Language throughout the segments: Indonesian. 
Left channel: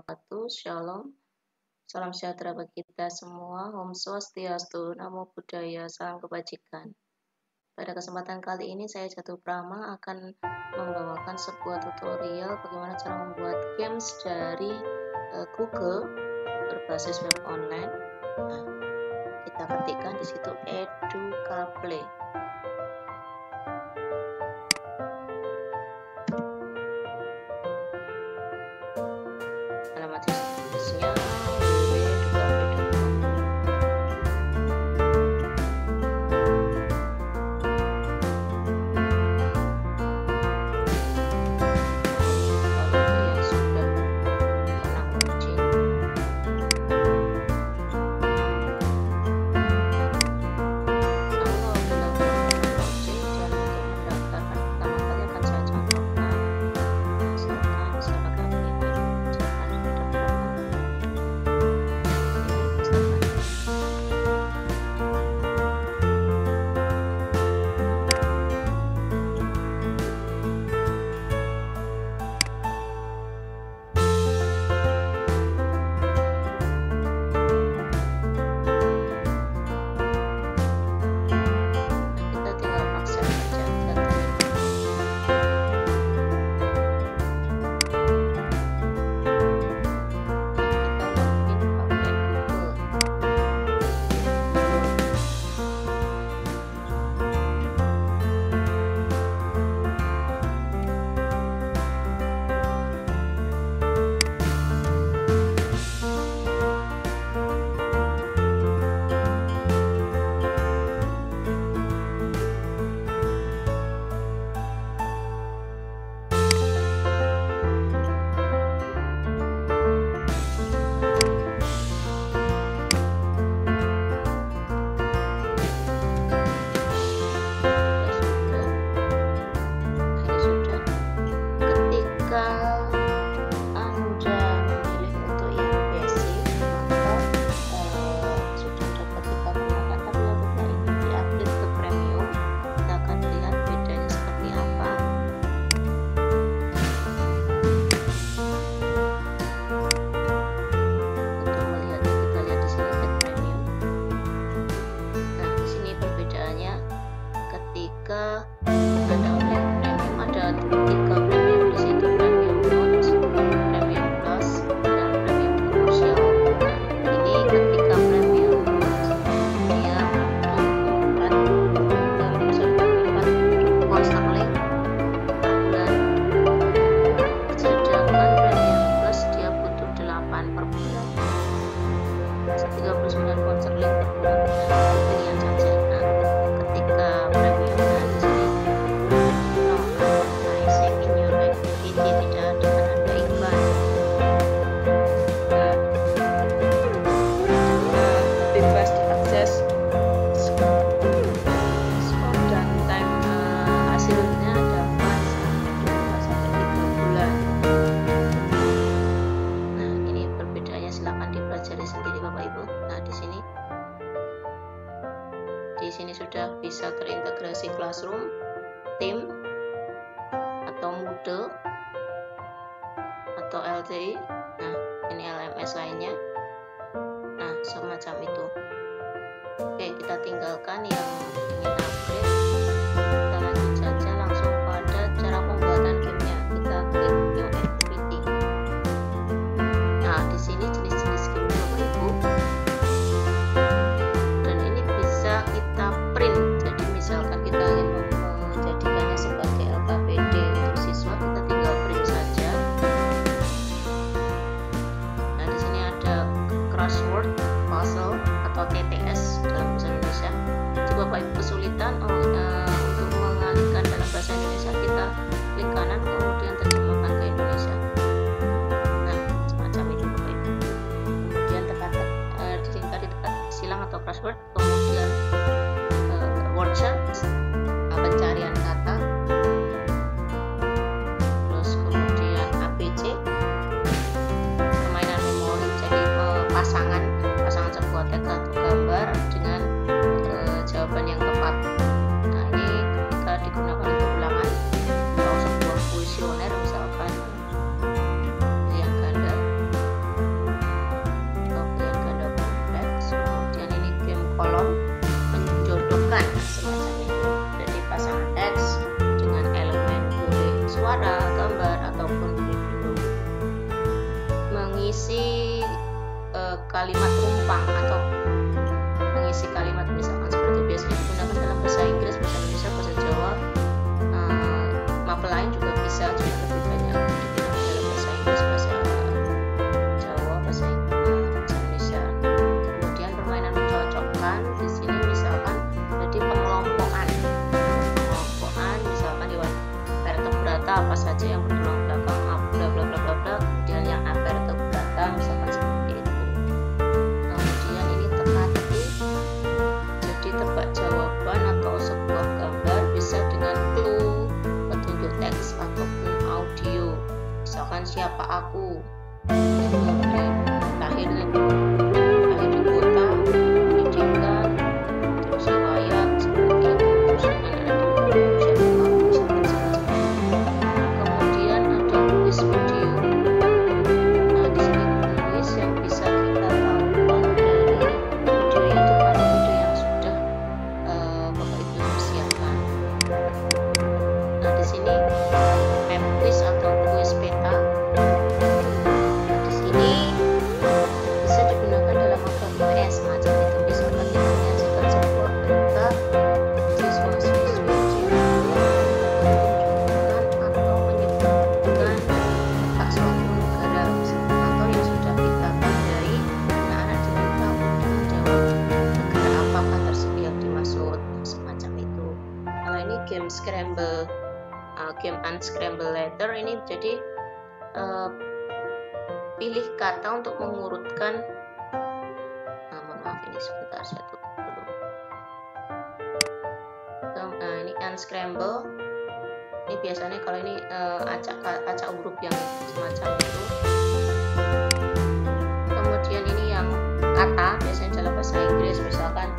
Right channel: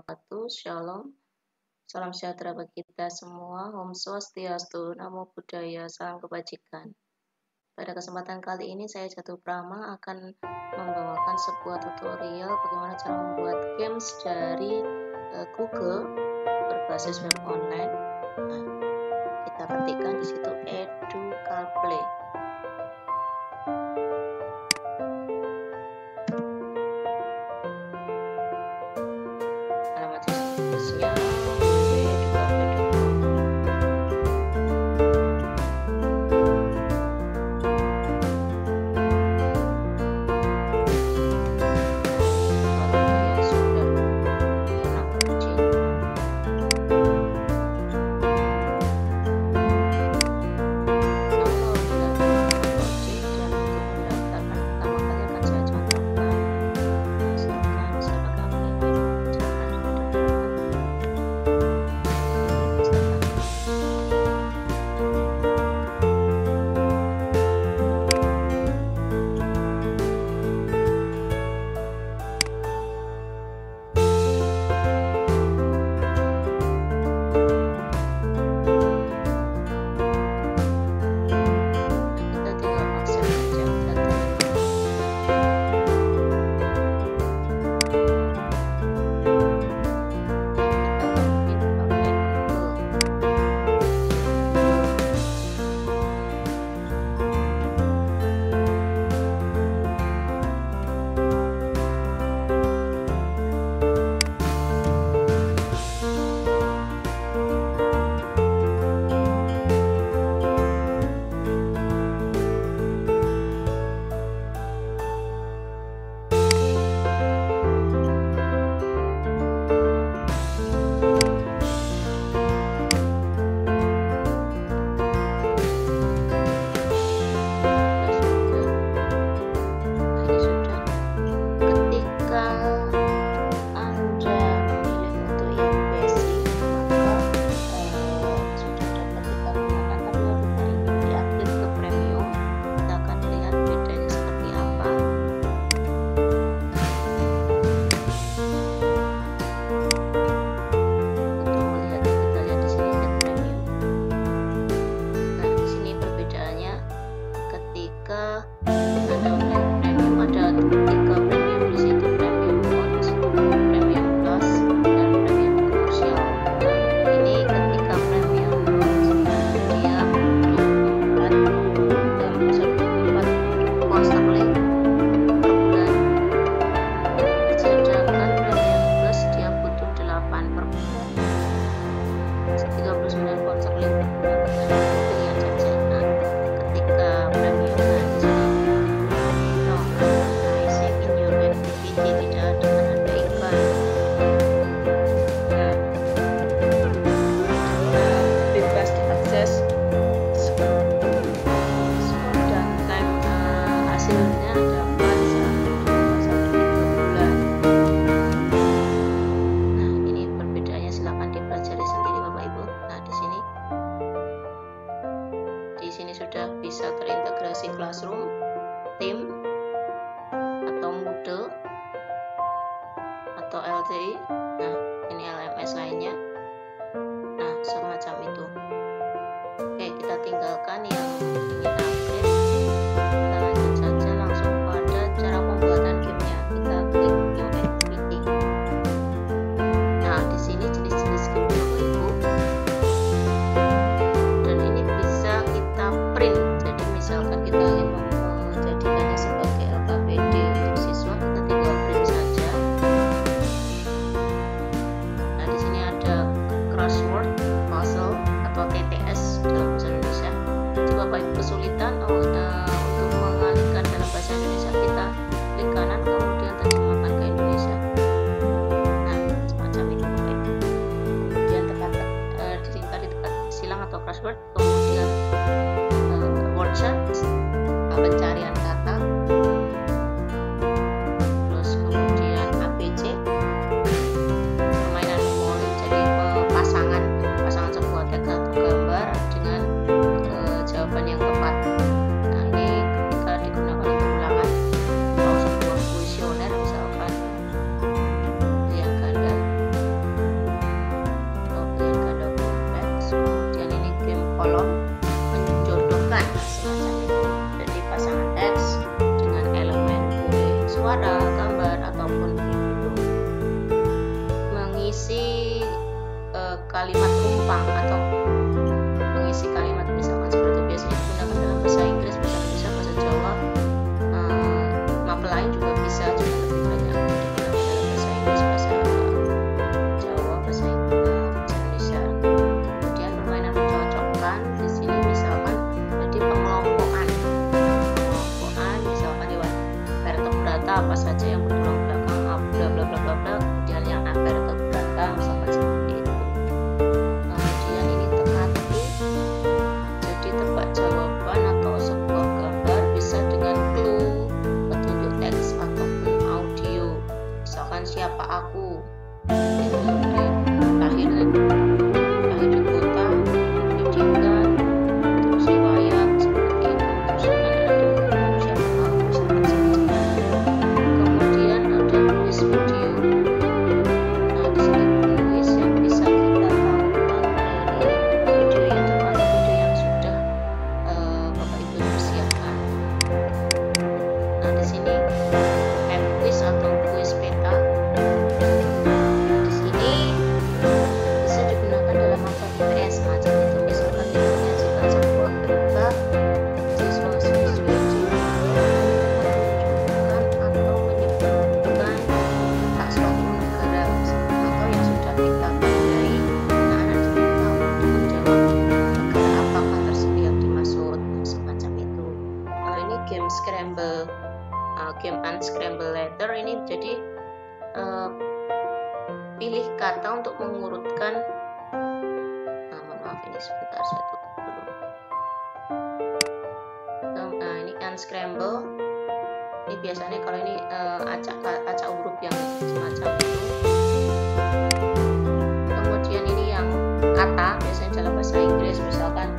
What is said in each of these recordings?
wabarakatuh. Shalom. Salam sejahtera bagi kita semua. Om Swastiastu, Namo Buddhaya, salam kebajikan. Pada kesempatan kali ini saya Jatuh Prama akan membawakan sebuah tutorial bagaimana cara membuat games dari Google berbasis web online. Nah, kita ketikkan di situ Educaplay. Alamat situsnya www.educaplay.com. Jika Anda memilih untuk yang basic, maka sudah dapat kita gunakan. Tapi kalau kita ingin di-upgrade ke premium, kita akan lihat bedanya seperti apa. Untuk melihatnya, kita lihat di sini get premium. Nah, di sini perbedaannya ketika Anda memilih premium, ada 3 premium di situ. Sterling per bulan, sedangkan premium plus dia butuh 8 per bulan, 39 pound sterling per bulan. Nah, pilihan saja. Nah, ketika premium, nah di sini no advertising in your activity, tidak ada iklan. Nah, bebas diakses skor dan time hasilnya dapat sampai 3 bulan. Nah, ini perbedaannya, silahkan dipelajari sendiri Bapak Ibu. Nah, di sini sudah bisa terintegrasi Classroom, Team, atau Moodle, atau LTI. Nah, ini LMS lainnya. Nah, semacam itu. Oke, kita tinggalkan yang ingin upgrade. Kita lanjut saja langsung pada cara pembuatan gamenya. Kita klik New Activity. Nah, di sini jenis-jenis game Bapak Ibu, dan ini bisa kita print. Jadi misalkan kita ingin menjadikannya sebagai LKPD untuk siswa, kita tinggal print saja. Nah, di sini ada crossword, puzzle, atau TTS dalam bahasa Indonesia. Jika Bapak Ibu kesulitan untuk mengalihkan dalam bahasa Indonesia, kita klik kanan kemudian terjemahkan ke Indonesia. Nah, semacam itu Bapak Ibu. Kemudian disingkat silang atau crossword, kemudian word search, pencarian kata, terus kemudian APC, permainan memori, jadi pasangan sebuah teks atau gambar dengan jawaban yang tepat. Nah, ini ketika digunakan untuk ulangan atau sebuah kuesioner, misalkan pilihan ganda. pasangan teks dengan elemen boleh suara, gambar, ataupun video. Mengisi kalimat rumpang atau mengisi kalimat misalkan seperti itu biasanya digunakan dalam bahasa Inggris, bahasa Indonesia, bahasa Jawa, map lain juga bisa, cuma lebih banyak digunakan dalam bahasa Inggris, bahasa Jawa, bahasa Indonesia. Kemudian permainan mencocokkan di sini misalkan jadi pengelompokan misalkan hewan vertebrata apa saja yang bertulang belakang, bla bla bla bla bla, kemudian yang avertebrata misalkan seperti itu. Kemudian ini teka-teki, jadi tebak jawaban atau sebuah gambar bisa dengan clue, petunjuk teks ataupun audio. Misalkan siapa aku, itu lahir di kota, pendidikan, terus riwayat seperti itu, terus anak-anak diminta siapa aku, misalkan seperti itu. Kemudian ada quiz video. Nah di sini quiz yang bisa kita tahukan dari video YouTube atau video yang sudah Bapak Ibu persiapkan. Nah di sini map quiz atau quiz peta. Nah di sini bisa digunakan dalam maba IPS macam itu. Misalkan kita menyajikan sebuah berita, siswa-siswi menunjukkan atau menyebutkan letak suatu negara atau yang sudah kita tandai, anak-anak diminta untuk menjawab negara apakah tersebut yang dimaksud, semacam itu. Kalau ini game scramble, game unscramble letter, ini jadi pilih kata untuk mengurutkan. Mohon maaf ini sebentar saya tutup dulu. Ini unscramble. Ini biasanya kalau ini acak huruf yang semacam itu. Kemudian ini yang kata biasanya dalam bahasa Inggris, misalkan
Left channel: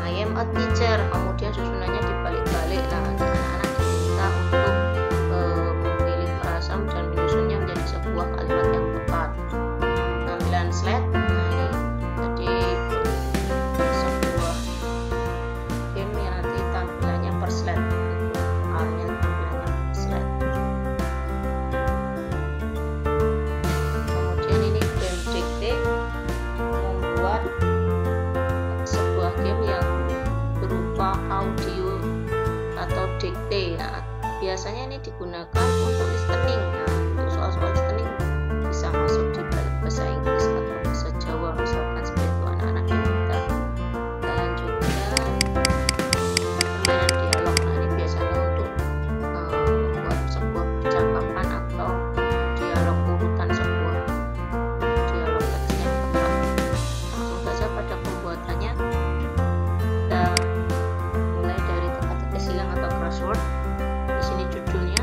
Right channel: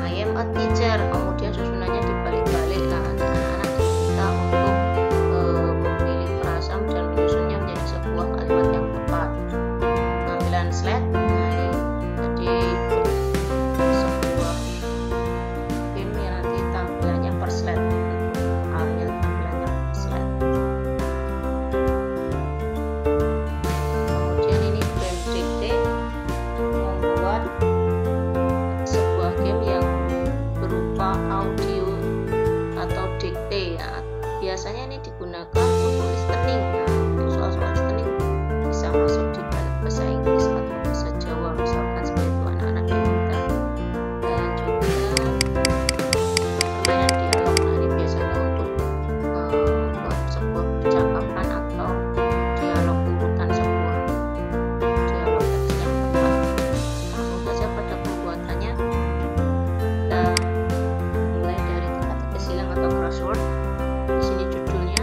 I am a teacher, kemudian susunannya dibalik-balik. Nah anak-anak diminta untuk memilih frasa dan menyusunnya menjadi sebuah kalimat yang tepat. Tampilan slide, nah ini jadi sebuah game yang nanti tampilannya per slide, untuk soalnya tampilannya per slide. Kemudian ini game dikte, membuat sebuah game yang berupa audio atau dikte. Nah, biasanya ini digunakan untuk listening. Nah, untuk soal-soal listening bisa masuk di bahasa Inggris atau bahasa Jawa, misalkan seperti itu anak-anak diminta. Dan juga permainan dialog. Nah, ini biasanya untuk membuat sebuah percakapan atau dialog urutan, sebuah dialog teks yang tepat. Langsung saja pada pembuatannya. Kita mulai dari teka-teki silang atau crossword. Di sini judulnya,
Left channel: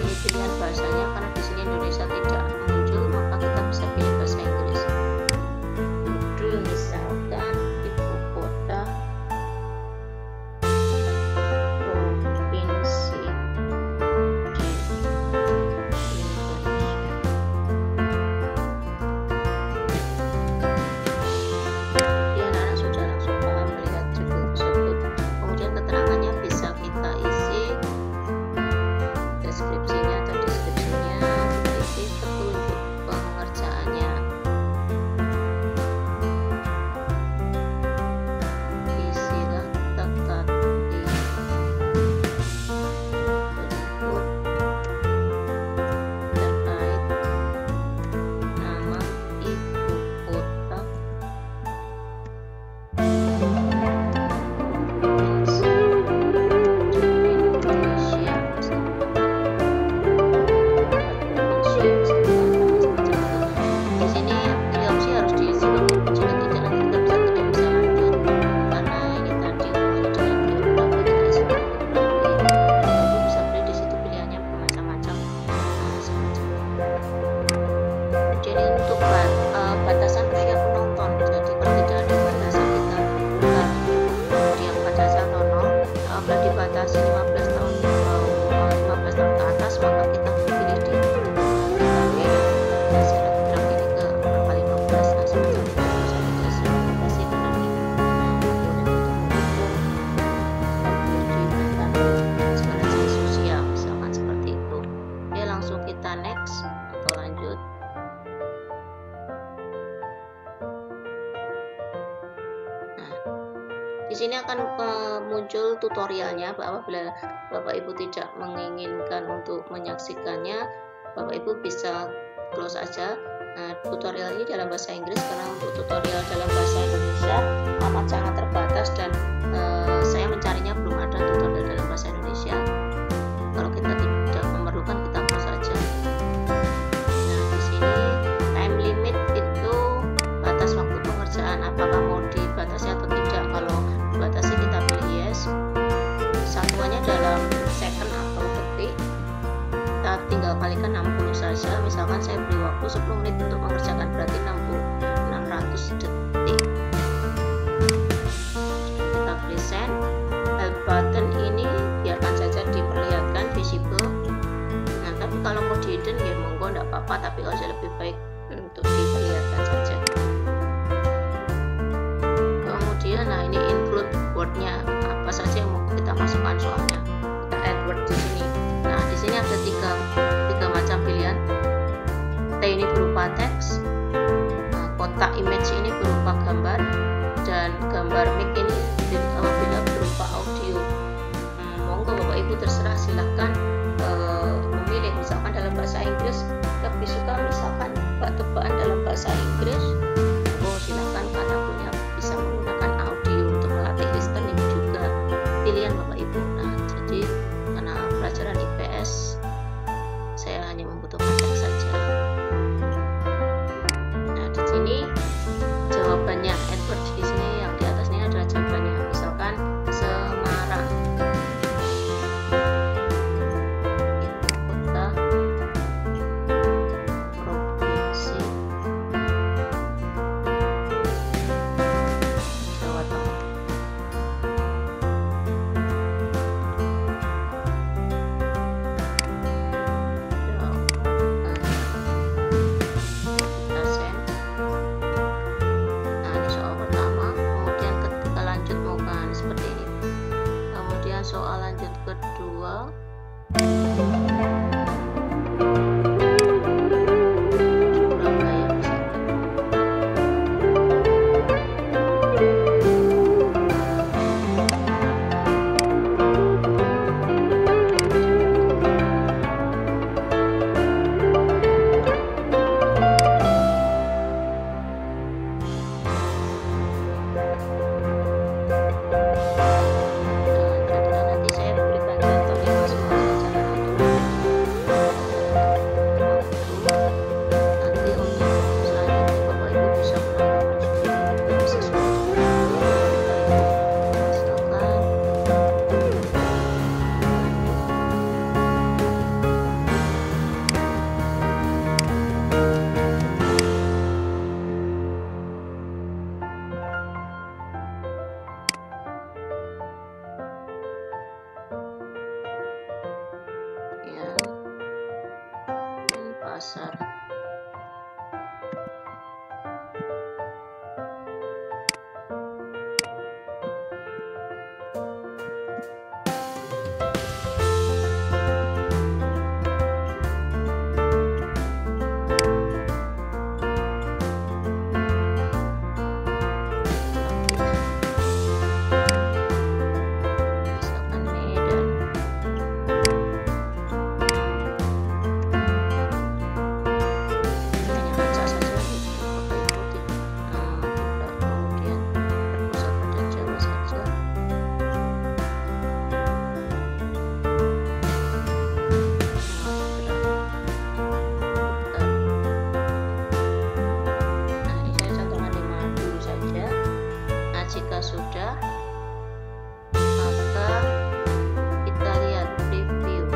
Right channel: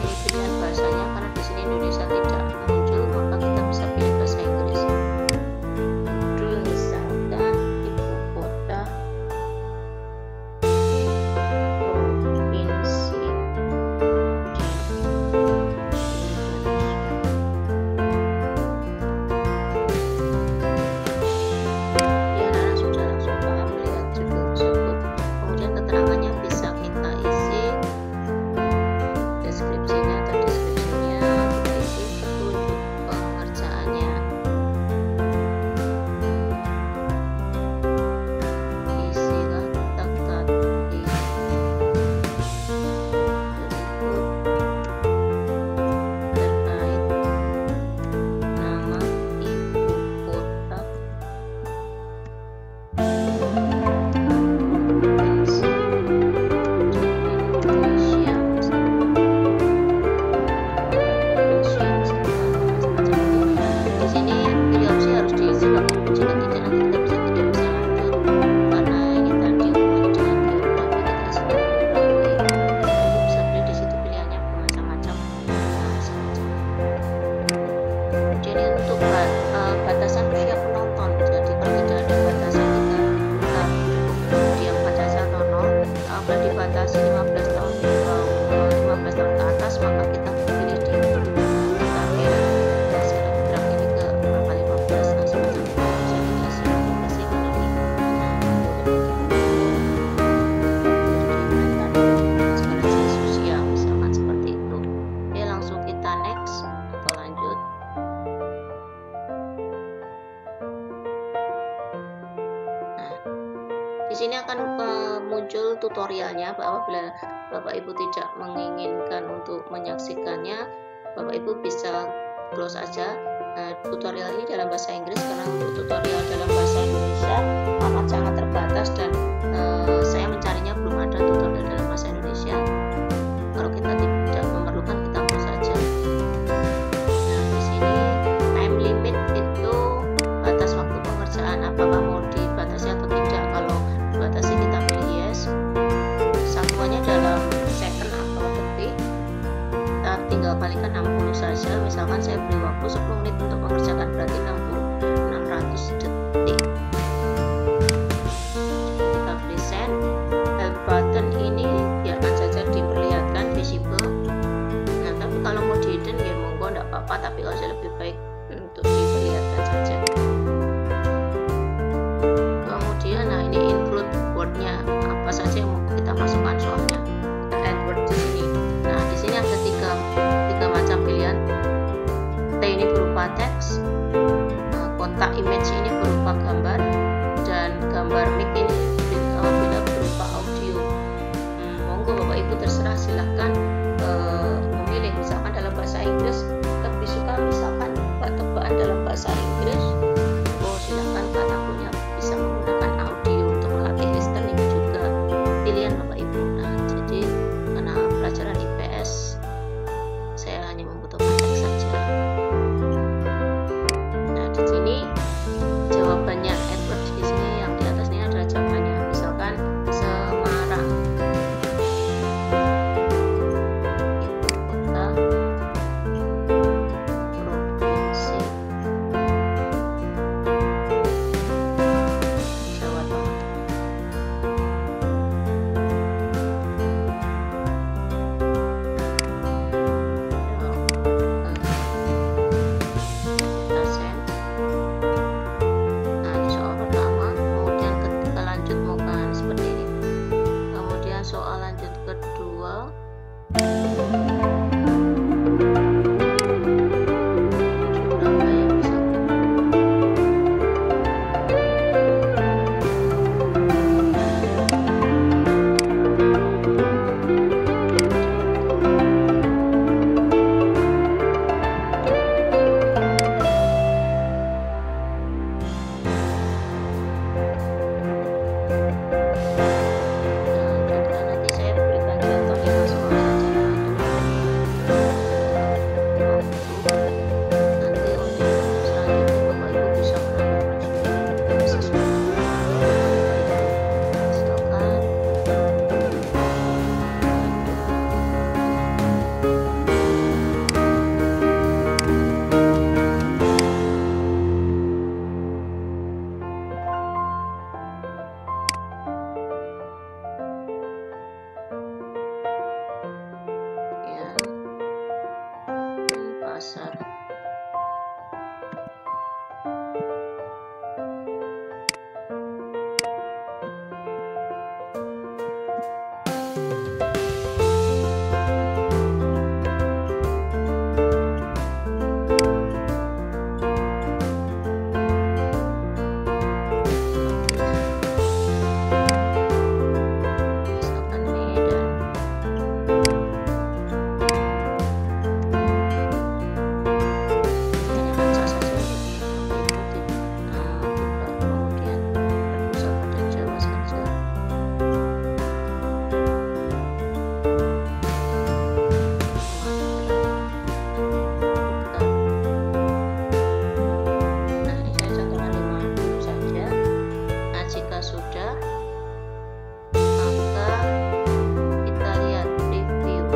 ini pilihan bahasanya, karena di sini Indonesia tidak muncul, maka kita bisa pilih bahasa Inggris. Judul misalkan ibu kota provinsi di Indonesia. Ya, anak-anak sudah langsung paham melihat judul tersebut. Kemudian keterangannya bisa kita isi, deskripsinya kita isi, petunjuk pengerjaannya, isilah teka-teki berikut terkait nama ibu kota provinsi di Indonesia, semacam itu. Di sini pilih opsi harus diisi Bapak Ibu, jika tidak nanti kita tidak bisa lanjut, karena ini tadi hubungannya dengan geografi, kita isi geografi. Bapak Ibu bisa pilih di situ, pilihannya bermacam-macam. Nah, semacam itu. Kemudian ini untuk batasan usia penonton. Jadi kalau tidak ada batasan, kita cukup diam pada 1 atau 0. Apabila dibatasi 15 tahun ke atas, maka kita pilih di kita pilih syarat draft ini ke angka 15. Nah, semacam itu. Bisa tidak saya batasi karena ini boleh untuk umum. sini akan muncul tutorialnya. Apabila Bapak Ibu tidak menginginkan untuk menyaksikannya, Bapak Ibu bisa close saja. Tutorial ini dalam bahasa Inggris, karena untuk tutorial dalam bahasa Indonesia amat sangat terbatas, dan saya mencarinya belum ada tutorial dalam bahasa Indonesia. Kalau kita tidak memerlukan, kita close saja. Nah, di sini time limit itu batas waktu pengerjaan, apakah mau dibatasi atau tidak. Kalau dibatasi kita pilih yes. Satuannya dalam second atau detik, kita tinggal kalikan 60 saja. Misalkan saya beri waktu 10 menit untuk mengerjakan, berarti 600 detik. Kita pilih send. Button ini biarkan saja diperlihatkan visible. Nah, tapi kalau mau di hidden ya monggo, enggak apa-apa, tapi kalau saya lebih baik untuk diperlihatkan saja. Kemudian nah ini include wordnya, apa saja yang mau kita masukkan, soalnya kita add word di sini. Nah, di sini ada tiga macam pilihan. T ini berupa teks, kotak image ini berupa gambar, dan gambar mic ini apabila berupa audio. Monggo Bapak Ibu terserah, silahkan memilih. Misalkan dalam bahasa Inggris lebih suka misalkan tebak-tebakan dalam bahasa Inggris, silahkan katakannya bisa menggunakan audio untuk melatih listening juga, pilihan Bapak Ibu. Nah, jadi karena pelajaran IPS saya hanya membutuhkan teks saja. Nah, di sini jawabannya, Edward di sini yang di atas ini adalah jawabannya. Misalkan Semarang, itu kota, provinsi Jawa Tengah. Kita send. Pertama, kemudian ketika lanjut bukan seperti ini. Kemudian soal lanjut kedua, Surabaya misalkan. Pasar. Jika sudah, maka kita lihat review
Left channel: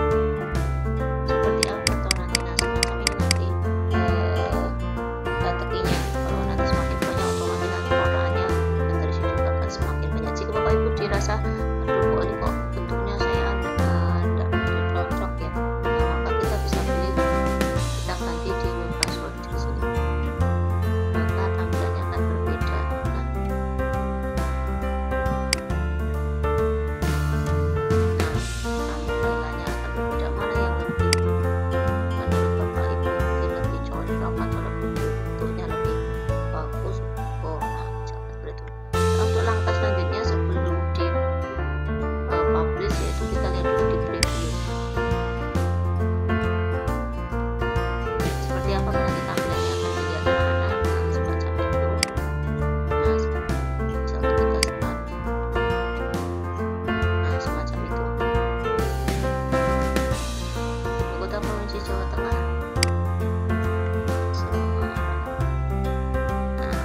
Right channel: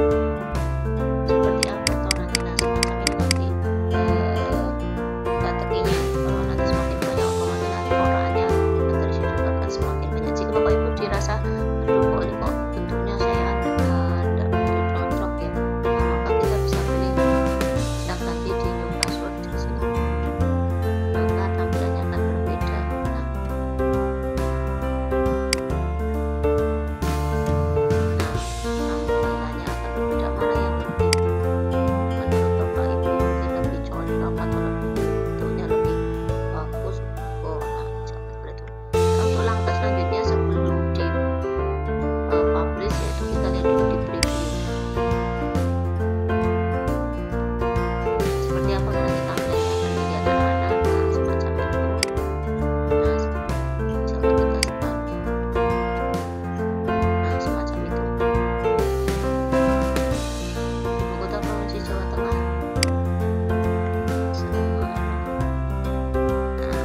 seperti apa atau nanti. Nah, semacam ini nanti strateginya. Kalau nanti semakin banyak, otomatis nanti korannya dan terisi juga akan semakin banyak. Jika Bapak Ibu dirasa aduh kok ini kok bentuknya saya tidak begitu cocok ya, nah, maka kita bisa pilih, kita ganti di new password di sini, maka tampilannya akan berbeda. Untuk langkah selanjutnya, sebelum Provinsi Jawa Tengah, Semarang. Nah,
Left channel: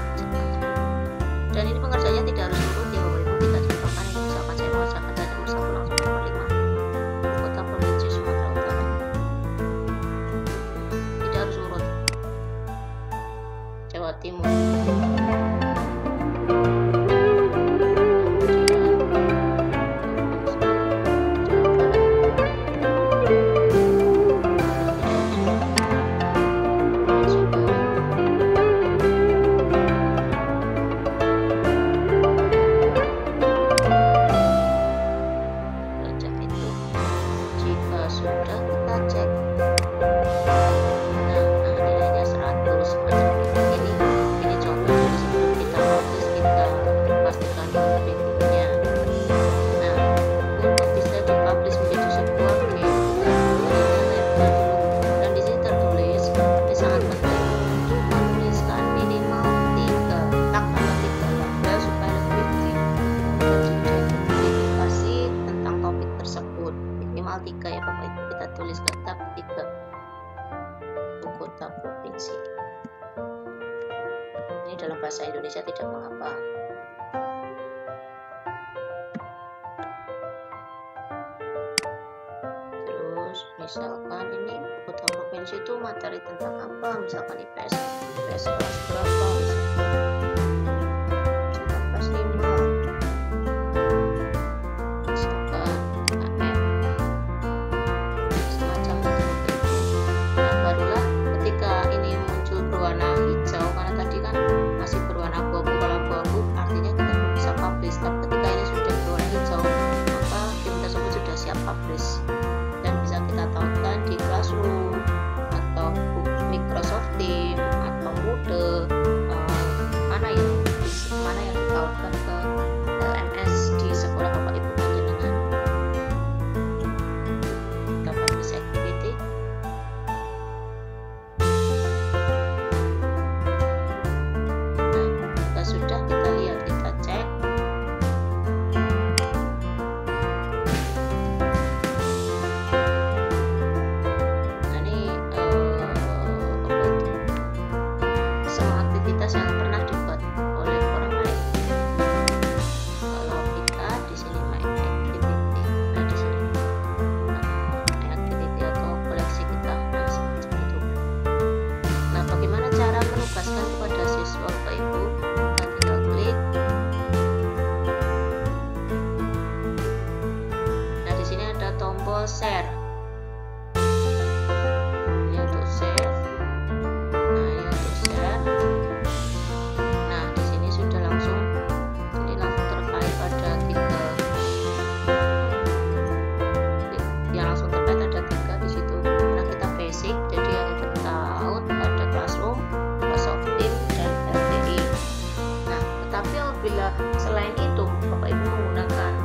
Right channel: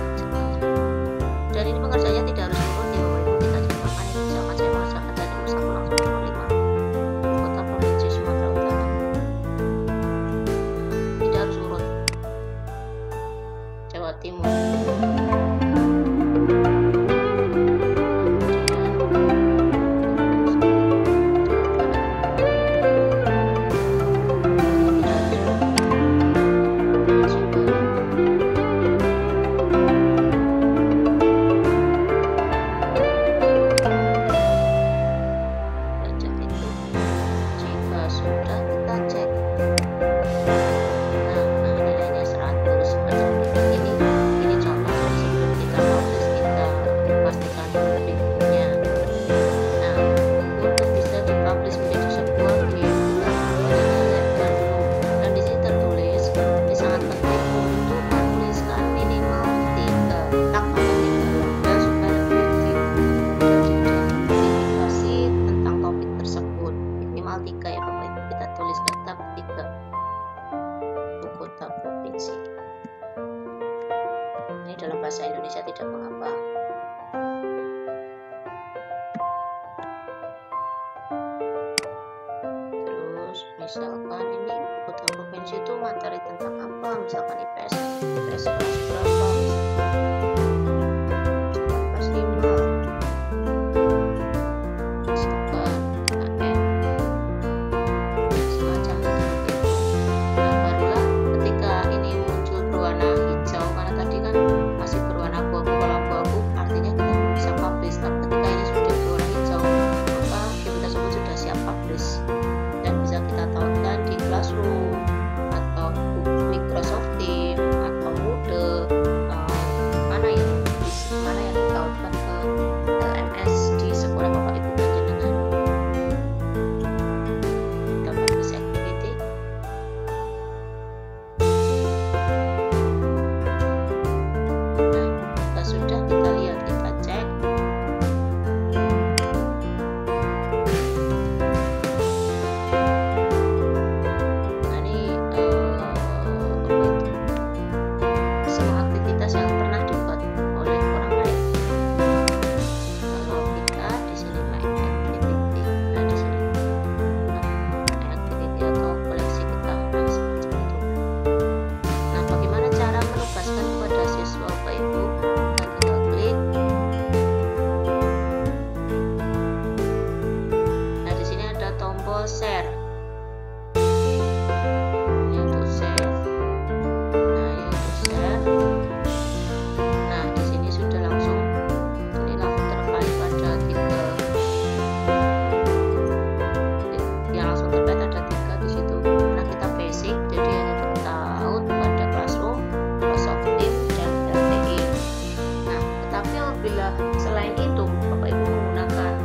dan ini pengerjaannya tidak harus urut ya Bapak Ibu. Kita contohkan ini, misalkan saya mengerjakan dari nomor 1 langsung ke nomor 5, Ibu Kota Provinsi Sumatera Utara. Tidak harus urut. Jawa Timur, sudah kita cek. Nah, nilainya 100 macam ini contoh. Jadi sebelum kita publish kita pastikan dulu reviewnya. Nah, untuk bisa dipublish menjadi sebuah game kita berinya label dulu, dan di sini tertulis ini sangat penting untuk menuliskan minimal 3 tag atau 3 label supaya lebih mudah diidentifikasi tentang topik tersebut. Minimal 3 ya Bapak Ibu, kita tuliskan tab 3 Ibu Kota Provinsi. Ini dalam bahasa Indonesia tidak mengapa. Terus misalkan ini Ibu Kota Provinsi itu materi tentang apa, misalkan IPS kelas berapa, misalkan kelas 5, misalkan abu-abu. Kalau abu-abu artinya kita belum bisa publish, tapi ketika ini sudah berwarna hijau maka game tersebut sudah siap publish dan bisa kita tautkan di Classroom atau Microsoft Teams atau Moodle, mana yang ditautkan ke LMS di sekolah Bapak Ibu panjenengan. Kita publish activity. Sudah kita lihat, kita cek. Nah, ini semua aktivitas yang pernah dibuat oleh orang lain. Kalau kita di sini my activity, nah di sini my activity atau koleksi kita, nah semacam itu. Nah, bagaimana cara menugaskan kepada siswa Bapak Ibu? Klik. Nah, di sini ada tombol share. Ini untuk share. Nah, ini untuk share. Nah, di sini sudah langsung terkait pada 3. Yang langsung terkait ada 3 di situ. Karena kita basic, jadi hanya tertaut pada Classroom, Microsoft Teams dan LTI. Tapi apabila selain itu Bapak Ibu menggunakan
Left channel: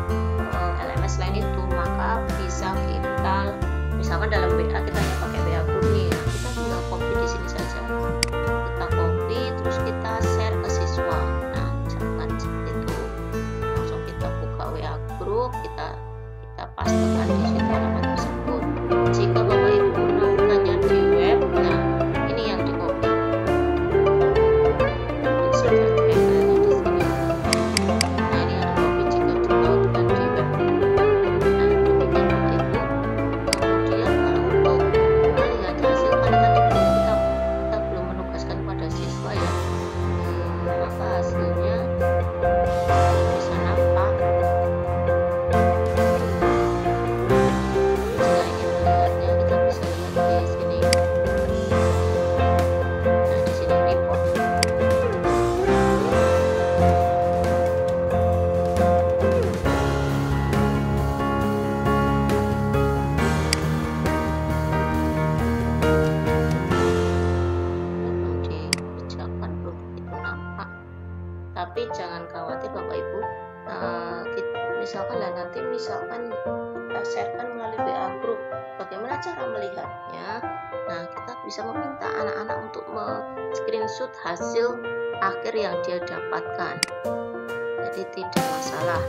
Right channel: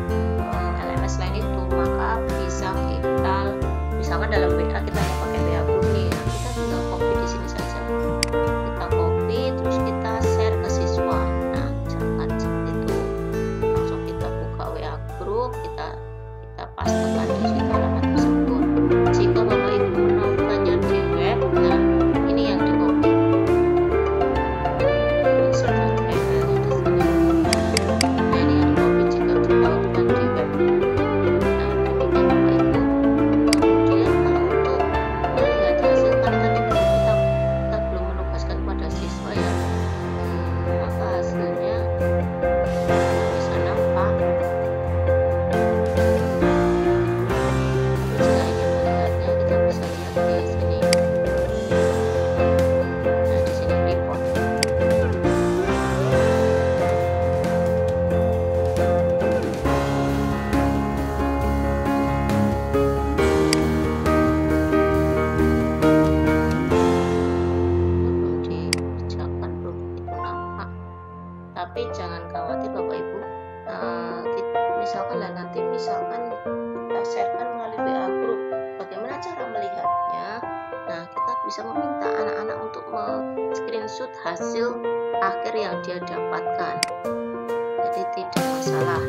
LMS lain itu, maka bisa kita misalkan dalam WA kita hanya pakai WA group nih, nah kita tinggal copy di sini saja. Kita copy terus kita share ke siswa. Nah, misalkan seperti itu. Langsung kita buka WA group, kita pastekan di situ alamat tersebut. Jika Bapak Ibu menautkannya di web, nah ini yang di copy. Tapi jangan khawatir Bapak Ibu, misalkan kita sharekan melalui WA group, bagaimana cara melihatnya? Nah, kita bisa meminta anak-anak untuk screenshot hasil akhir yang dia dapatkan, jadi tidak masalah.